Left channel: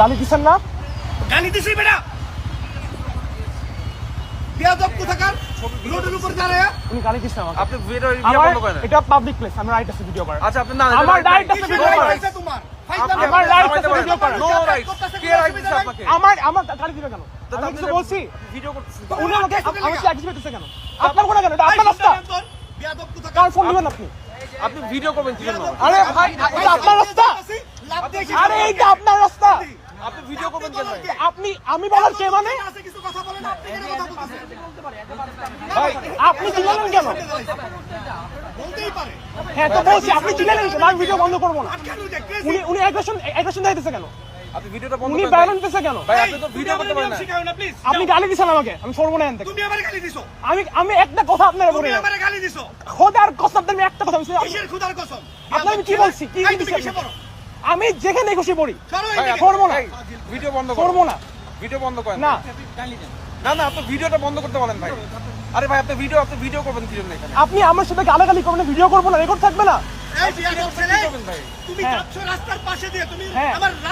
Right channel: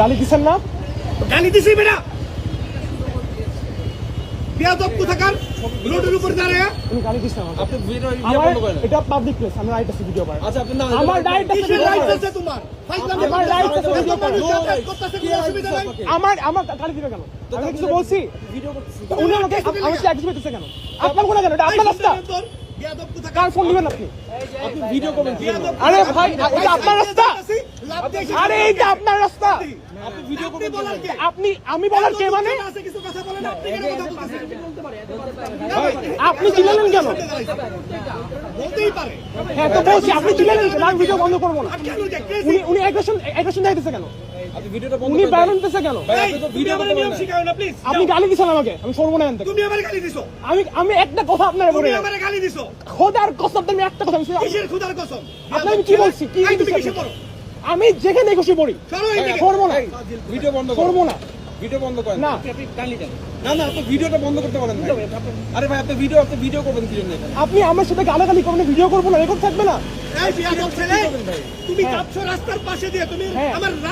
গালি দিচ্ছেন না? গালি দিছি বেটা বিয়াদব কোথাকার রোডের উপর দাঁড়ায় উনি গালি দিচ্ছেন আমাকে। আপনি ভিডিও আমার বন্ধ করেন। এটা পাবলিক প্লেস, আমার রাইট আছে ভিডিও করার। আচ্ছা আপনি না আমার রাইট আছে কিসের ভিডিও রাইট করার। আছে তোমার আমার রাইট আছে ভিডিও করার। নো রাইট কে রাইট দিছে আপনাকে? আমার গালি দিবে কেন? আমি কিছু বলছি? ভিডিও করতেছি। উনি আমাকে অ্যাক্টিভ করতেছে কেন? আপনার কোন কেন? এটা আপনার রাস্তা। বিয়াদব কোথাকার কার ফোন দিবেন আপনি? আপনি ভিডিও করবেন কি জন্য? আরে ভাই, এটা আপনার রাস্তা। আরে এইটা আপনার রাস্তা। আপনি ভিডিও করবেন কেন? আপনি আমি বলার কে মানে? আছে কিছু কথা বলেন না আপনি কেন কথা বলতেছেন ভাই আপনি চিল্লালেন কেন? বলতেই পারে হ্যাঁ তো বলছি, আপনি চিল্লালেন কেন? আমি ভিডিও বন্ধ করবো না। কেন দেখতেছি উনি অ্যাগ্রেশন দেখাইতেছে কেন? আপনি ভিডিওটা বন্ধ উনি করেন। ব্যান দিতেছে কেন? ভাই আপনি তো ভিডিও করতে পারেন না। শিখাও না প্লিজ আপনি গালি দিছেন আমাকে, আমি সরবো না এখান থেকে। তুমি আমারে গালি দিছো আমি একটা কথা আপনার বলে তুমি আমারে গালি দিছো খোদার কসম, আমি একটা কথা বলছি। কিসের খুদার কসম আপনার আমি কি বলছি? কি এই তুমি দিছি কিসে আপনি? পড়ো আমি যেখানে খুশি পড়ি, সরো এই দিকে। করবো না, এই, ভিডিও বন্ধ করুন। করবো না। ভিডিও বন্ধ করেন। না না না আপনি ভিডিওটা বন্ধ করতে বলেন ভাই। আরে ভাই আপনি ভিডিও করবেন কি জন্য এখানে? আপনি আমার সাথে গালাগালি করবেন, ভিডিও করবো না, রেকর্ড থাকবে না। এই বিয়াদব ছেলে করবেন ভাই। তুমি যাচ্ছ রাস্তার পাশে দিয়ে তুমি হ্যাঁ। আমার